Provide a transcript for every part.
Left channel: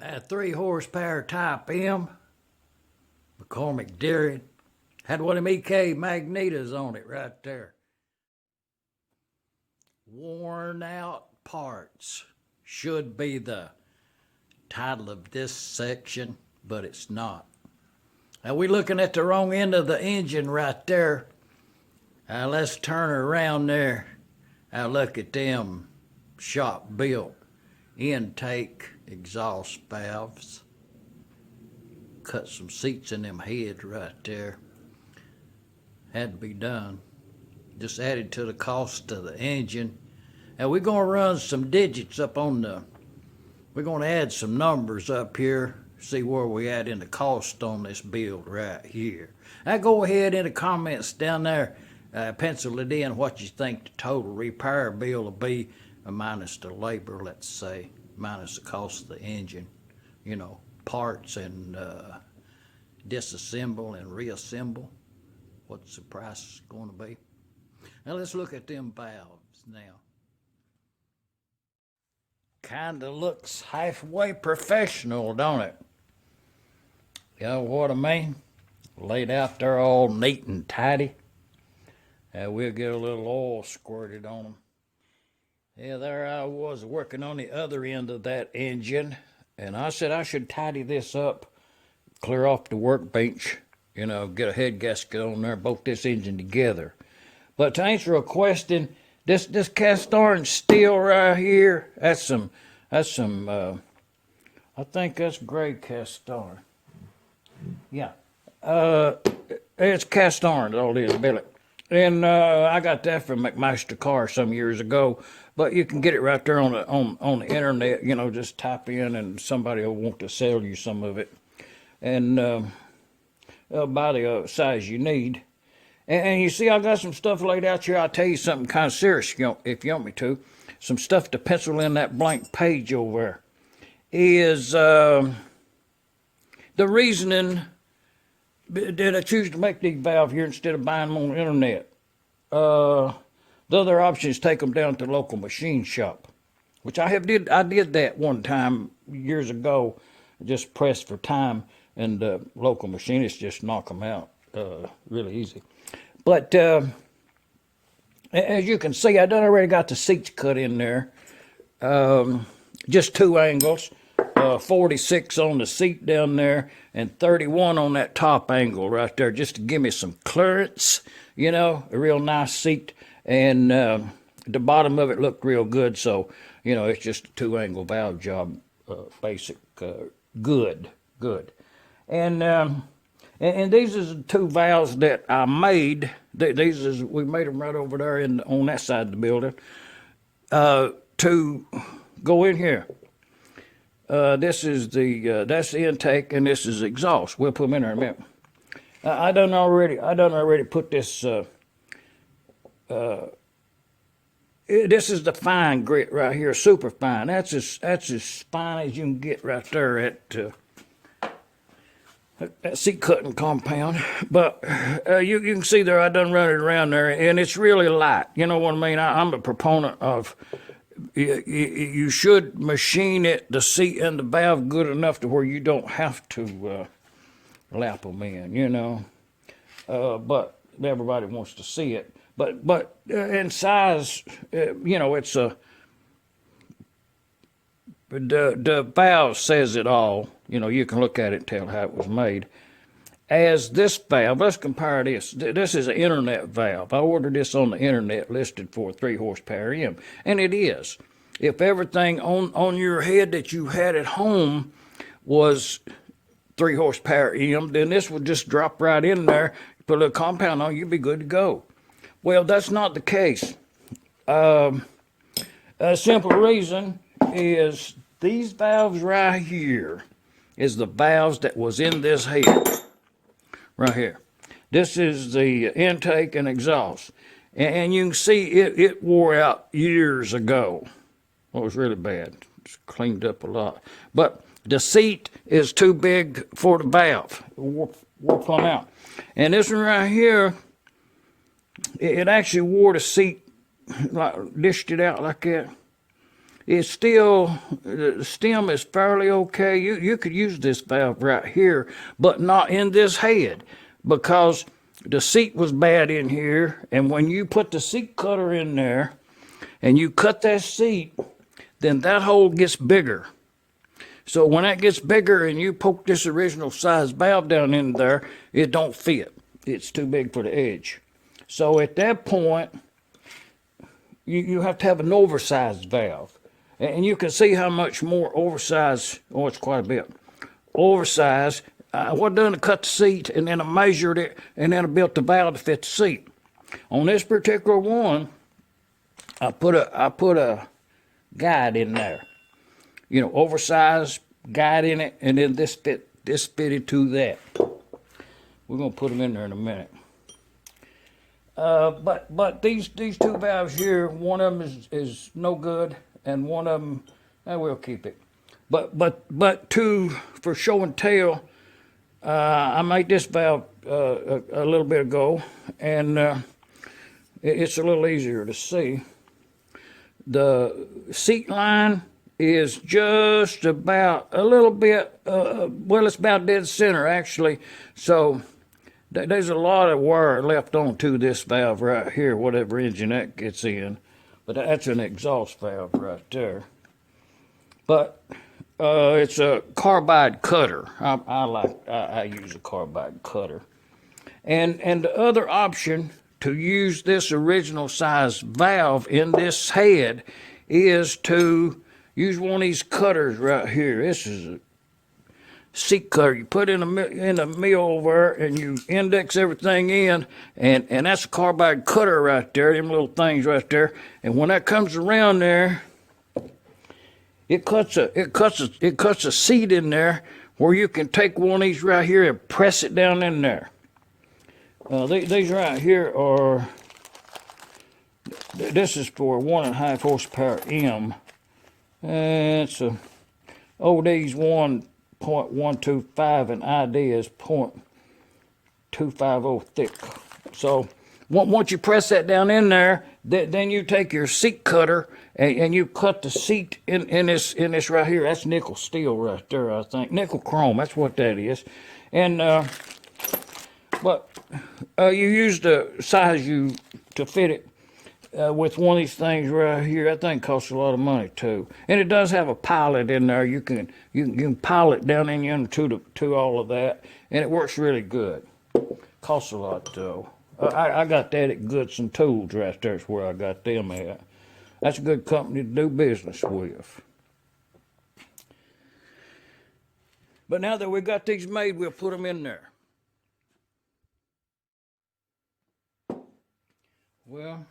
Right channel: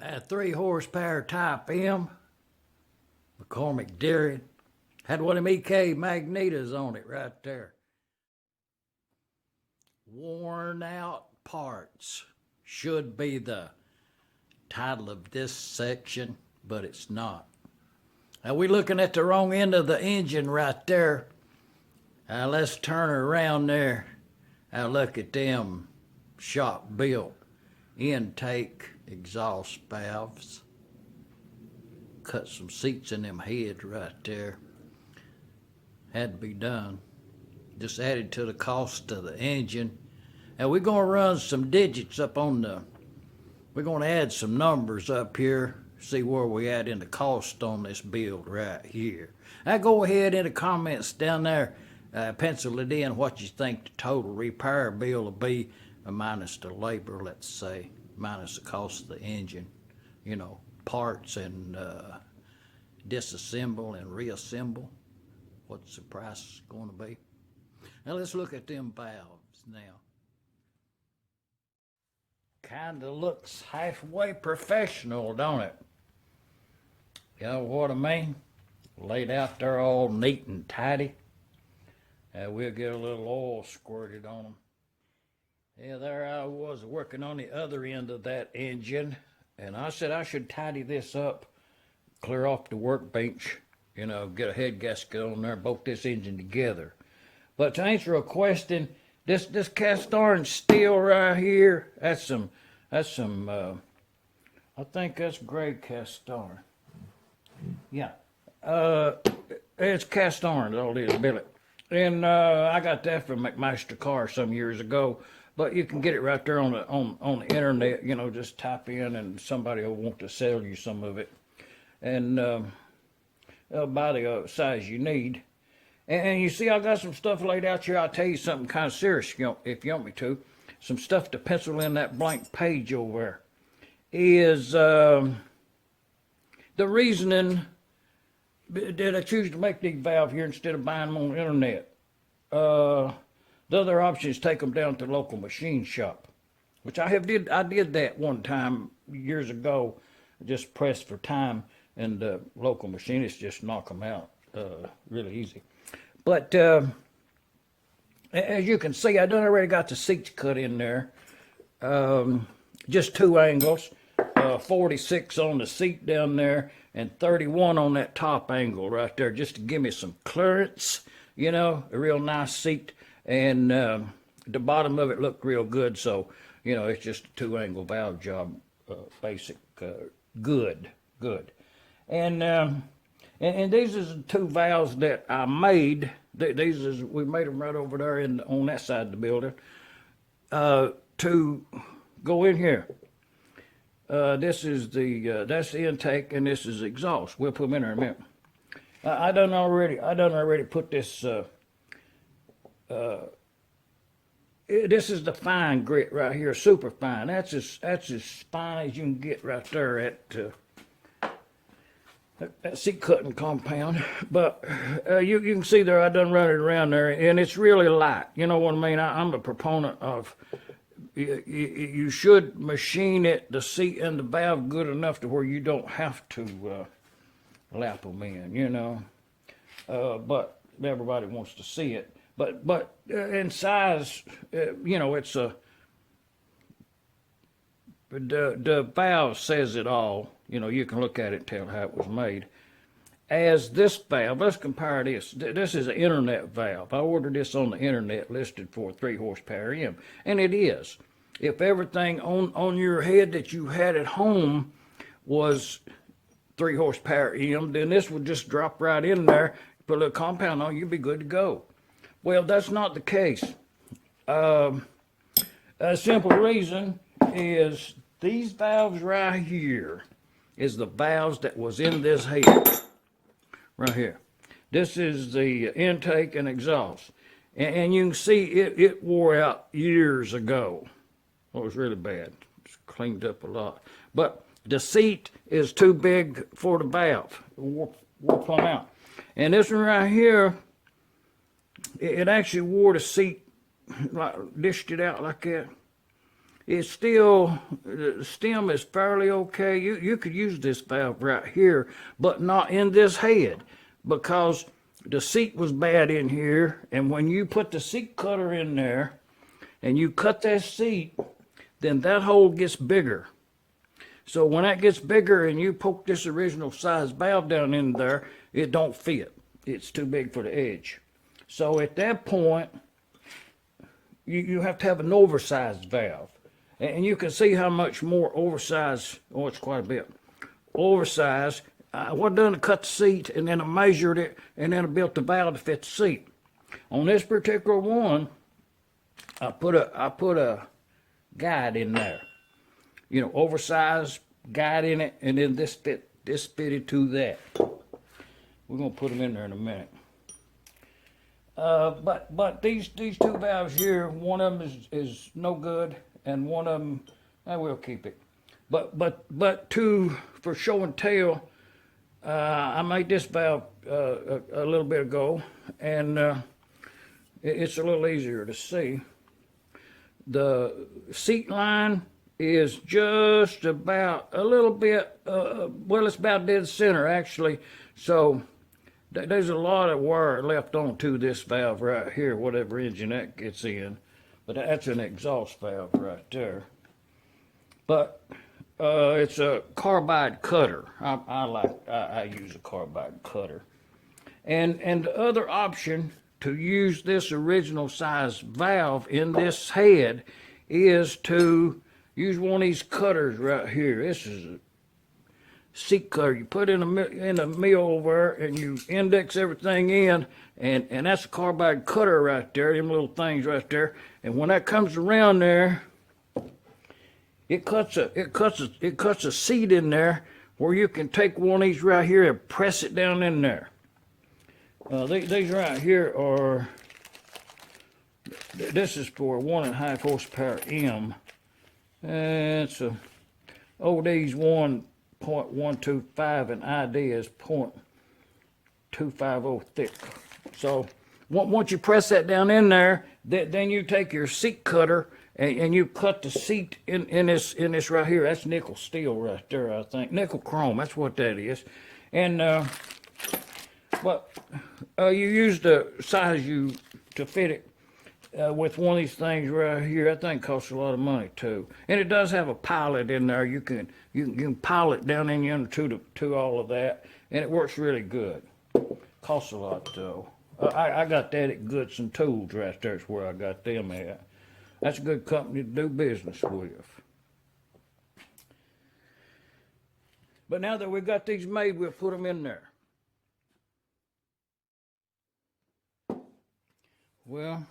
A 3 horsepower Type M, McCormick-Deering. Had one of them EK magnetos on it right there. Worn out parts should be the title of this section, but it's not. Now we're looking at the wrong end of the engine right there. Let's turn her around there. Look at them shop built intake exhaust valves. Cut some seats in them heads right there. Had to be done. Just added to the cost of the engine. And we're going to run some digits up on we're going to add some numbers up here, see where we at in the cost on this build right here. Now go ahead in the comments down there, pencil it in what you think the total repair bill will be, minus the labor, let's say, minus the cost of the engine, you know, parts and disassemble and reassemble. What's the price going to be? Now let's look at them valves now. Kind of looks halfway professional, don't it? You know what I mean? Laid out there all neat and tidy. We'll get a little oil squirted on them. Yeah, there I was working on the other end of that engine, and I said I should tidy this up, clear off the workbench, you know, get a head gasket on there, bolt this engine together. But to answer a question, this cast iron steel right here, that's some I think that's gray cast iron. Yeah, it's cast iron, all it is, Billy. And I got that from McMaster some years ago. But you can get it right there on the internet. You know, just type in, and somebody will want to sell you some of it, and buy the size you need. And you see, I got some stuff laid out here. I'll tell you something kind of serious, if you want me to. Some stuff to pencil in that blank page over there. Is the reasoning that I choose to make these valves here instead of buying them on the internet. The other option is take them down to the local machine shop, which I did that one time years ago, just pressed for time, and the local machinists just knock them out really easy. But as you can see, I done already got the seats cut in there, just 2 angles, 46 on the seat down there, and 31 on that top angle right there, just to give me some clearance, you know, a real nice seat. And the bottom of it looked real good, so, you know, it's just a 2-angle valve job, basic, good. And these are the 2 valves that I made. We made them right over there on that side of the building to go in here. This is that's the intake, and this is exhaust. We'll put them in there in a minute. I done already put this. This is the fine grit right here, super fine. That's as fine as you can get right there at that seat cutting compound. But you can see there, I done run it around there, and it's really light. You know what I mean? I'm a proponent of you should machine it, the seat and the valve, good enough to where you don't have to lap them in. You know, but everybody wants to see it. But in size, you know, it's the valve says it all. You know, you can look at it and tell how it was made. As this valve, let's compare this. This is an internet valve. I ordered this on the internet, listed for 3 horsepower M, and it is. If everything on your head that you had at home was 3 horsepower M, then this would just drop right in there. Put a little compound on, you'd be good to go. Well, that's not the case. A simple reason is these valves right here is the valves that was in this head. Right here. This is the intake and exhaust. And you can see it wore out years ago. Well, it was really bad. It's cleaned up a lot. But the seat is too big for the valve. Wore plumb out. And this one right here, it actually wore the seat, like, dished it out like that. it's still, the stem is fairly okay. You could use this valve right here, but not in this head, because the seat was bad in here, and when you put the seat cutter in there and you cut that seat, then that hole gets bigger. So when that gets bigger and you poke this original size valve down in there, it don't fit. It's too big for the edge. So at that point, you have to have an oversized valve. And you can see how much more oversized, oh, it's quite a bit, oversized. What I done to cut the seat, and then I measured it, and then I built the valve to fit the seat. On this particular one, I put a guide in there, you know, oversized guide in it, and then this fitted to that. We're gonna put them in there in a minute. But these two valves here, one of them is no good, and one of them, we'll keep it. But for show and tell, I made this valve a little bit ago, and it's a little easier to see. The seat line is just about a little bit, well, it's about dead center actually. So there's a lot of wire left onto this valve right here, whatever engine that gets in. But that's an exhaust valve right there. But it's a carbide cutter. I use a carbide cutter. And the other option to use this original size valve in this head is to use one of these cutters right here. This is a seat cutter. You put in a mill over and you index everything in, and that's a carbide cutter right there, them little things right there. And when that comes around there, it cuts a seat in there where you can take one of these right here and press it down in there. These right here are, this is for 1.5 horsepower M. And it's a OD's 1.125 and ID is 0.250 thick. So once you press that down in there, then you take your seat cutter and you cut the seat in this right here. That's nickel steel right there, I think. Nickel chrome, that's what that is. And but you use the size to fit it with one of these things right here. That thing costs a lot of money too, and it does have a pilot in there. You can pilot down in under to all of that, and it works really good. Costs a lot though. I got that at Goodson Tools right there. Is where I got them at. That's a good company to do business with. But now that we've got these made, we'll put them in there. Well,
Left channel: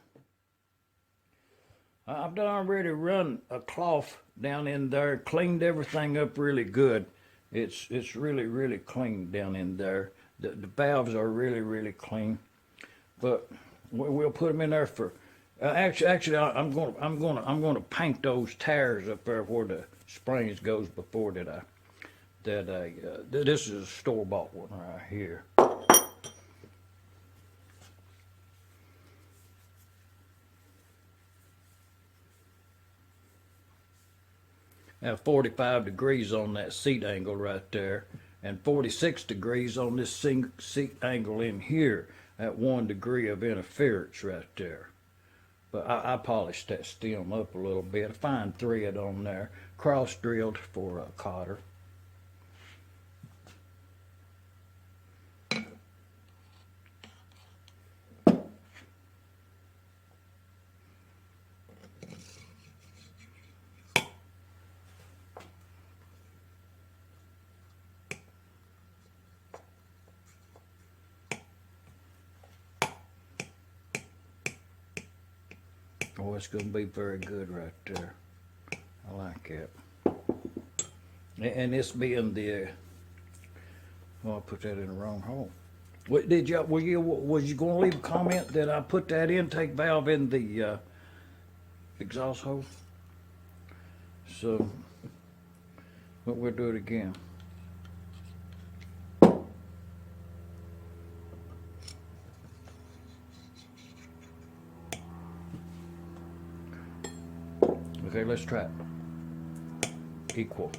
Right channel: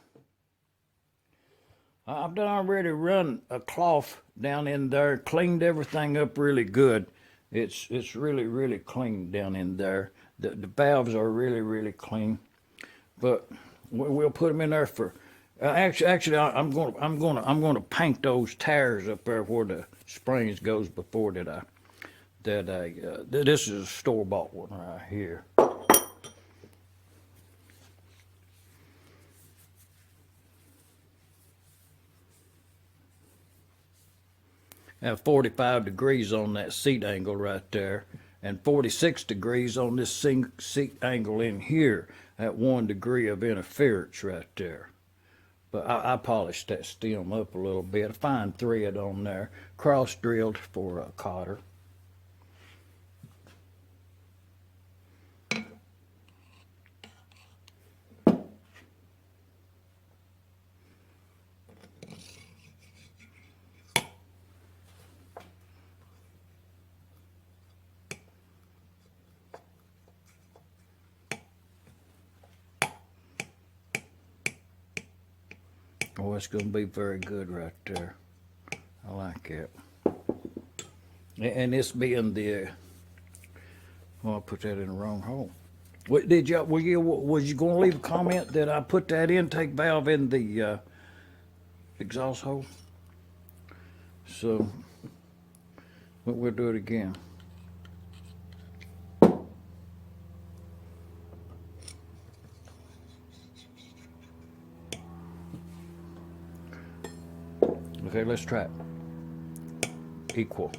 I've done already run a cloth down in there, cleaned everything up really good. It's really clean down in there. The valves are really clean, but we'll put them in there for. Actually, I'm gonna paint those tires up there where the springs goes before that. This is a store-bought one right here. Have 45 degrees on that seat angle right there, and 46 degrees on this seat angle in here. At 1 degree of interference right there. But I polished that stem up a little bit. A fine thread on there, cross drilled for a cotter. Oh, it's going to be very good right there. I like it. And this being the, well, I put that in the wrong hole. Was you going to leave a comment that I put that intake valve in the exhaust hole? So, but we'll do it again. Okay, let's try it. Equal.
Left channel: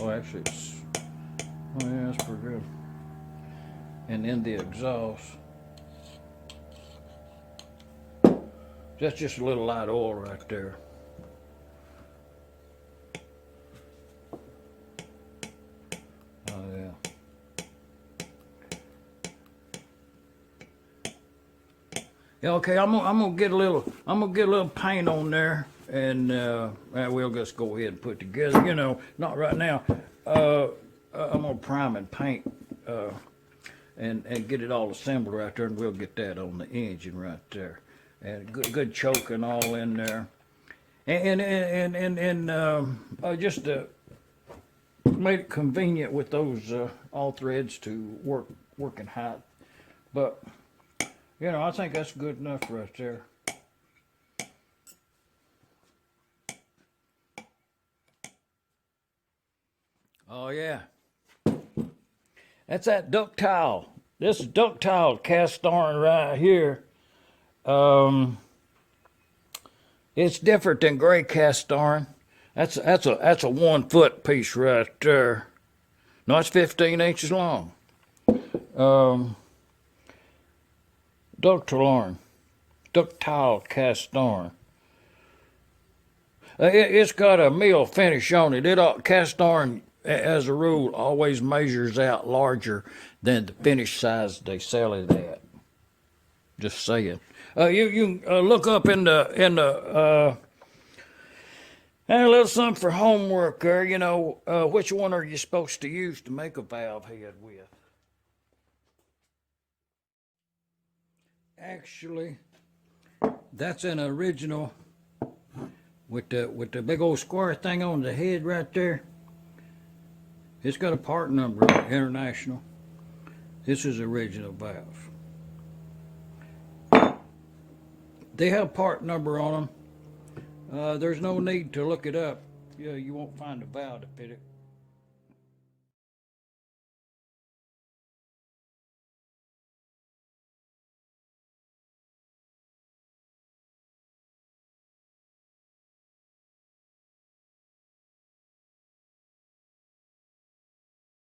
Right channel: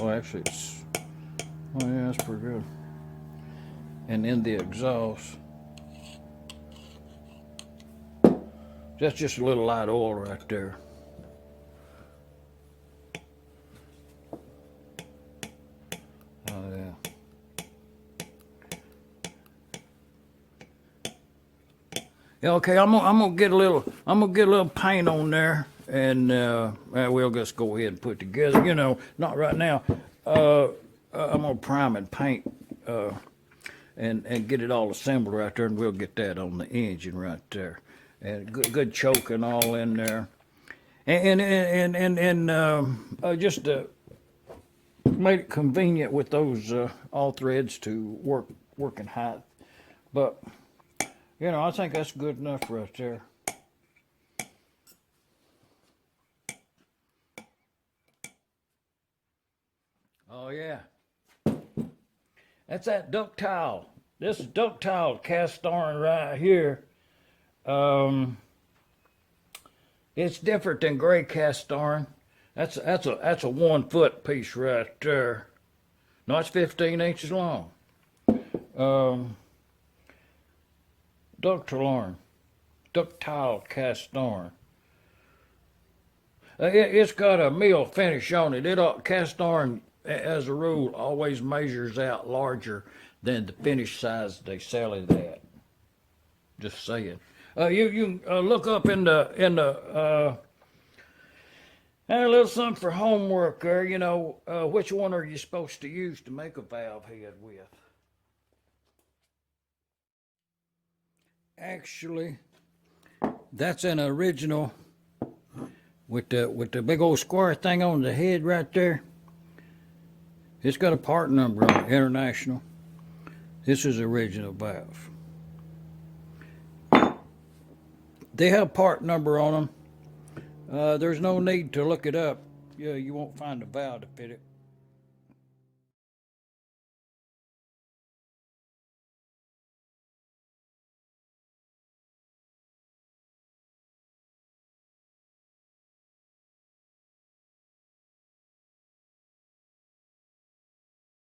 Oh, actually, it's. Oh yeah, that's pretty good. And then the exhaust. That's just a little light oil right there. Oh yeah. Yeah, okay, I'm gonna get a little paint on there, and we'll just go ahead and put together. You know, not right now. I'm gonna prime and paint, and get it all assembled right there, and we'll get that on the engine right there, and good choking all in there, and just made it convenient with those all threads to work in height, but. You know, I think that's good enough right there. Oh, yeah. That's that ductile. This is ductile cast iron right here. It's different than gray cast iron. That's a 1 foot piece right there. No, it's 15 inches long. Ductile cast iron. It's got a mill finish on it. Cast iron, as a rule, always measures out larger than the finish size they sell it at. Just saying. You look up in the a little something for homework there. You know, which one are you supposed to use to make a valve head with? Actually, that's an original with the big old square thing on the head right there. It's got a part number on it, international. This is original valve. They have part number on them. There's no need to look it up. You won't find a valve to fit it.